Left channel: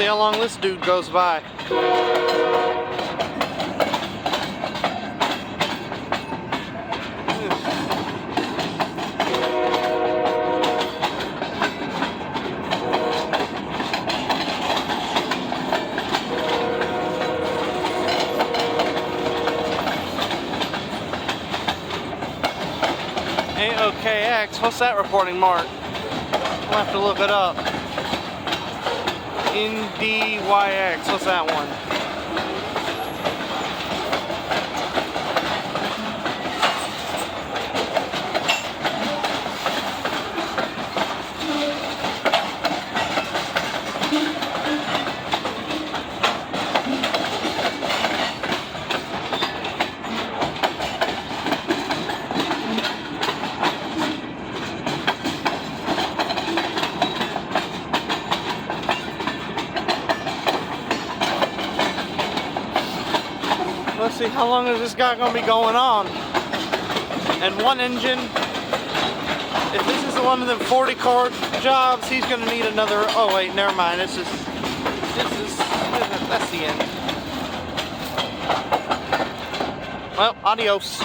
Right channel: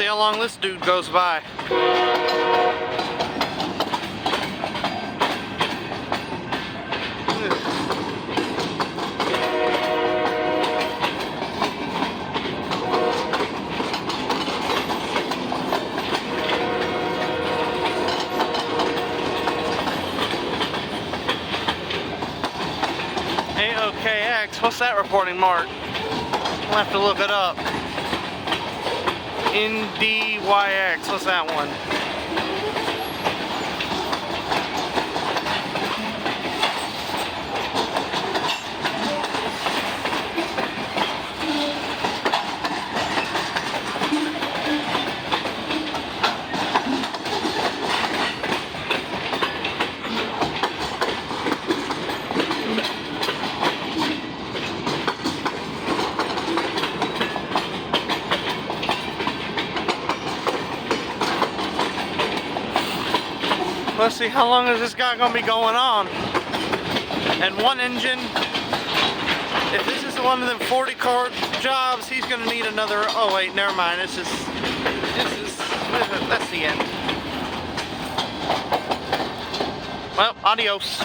see how long this dude goes by. AOKX, what's that reporting mark? We'll have to look it up. NDYX, what's that one? Let's see, how long is this guy gonna be going on? And one engine, if this is one of them 40 car jobs, he's gonna need another, oh wait, never mind, that's the end. Well, adios.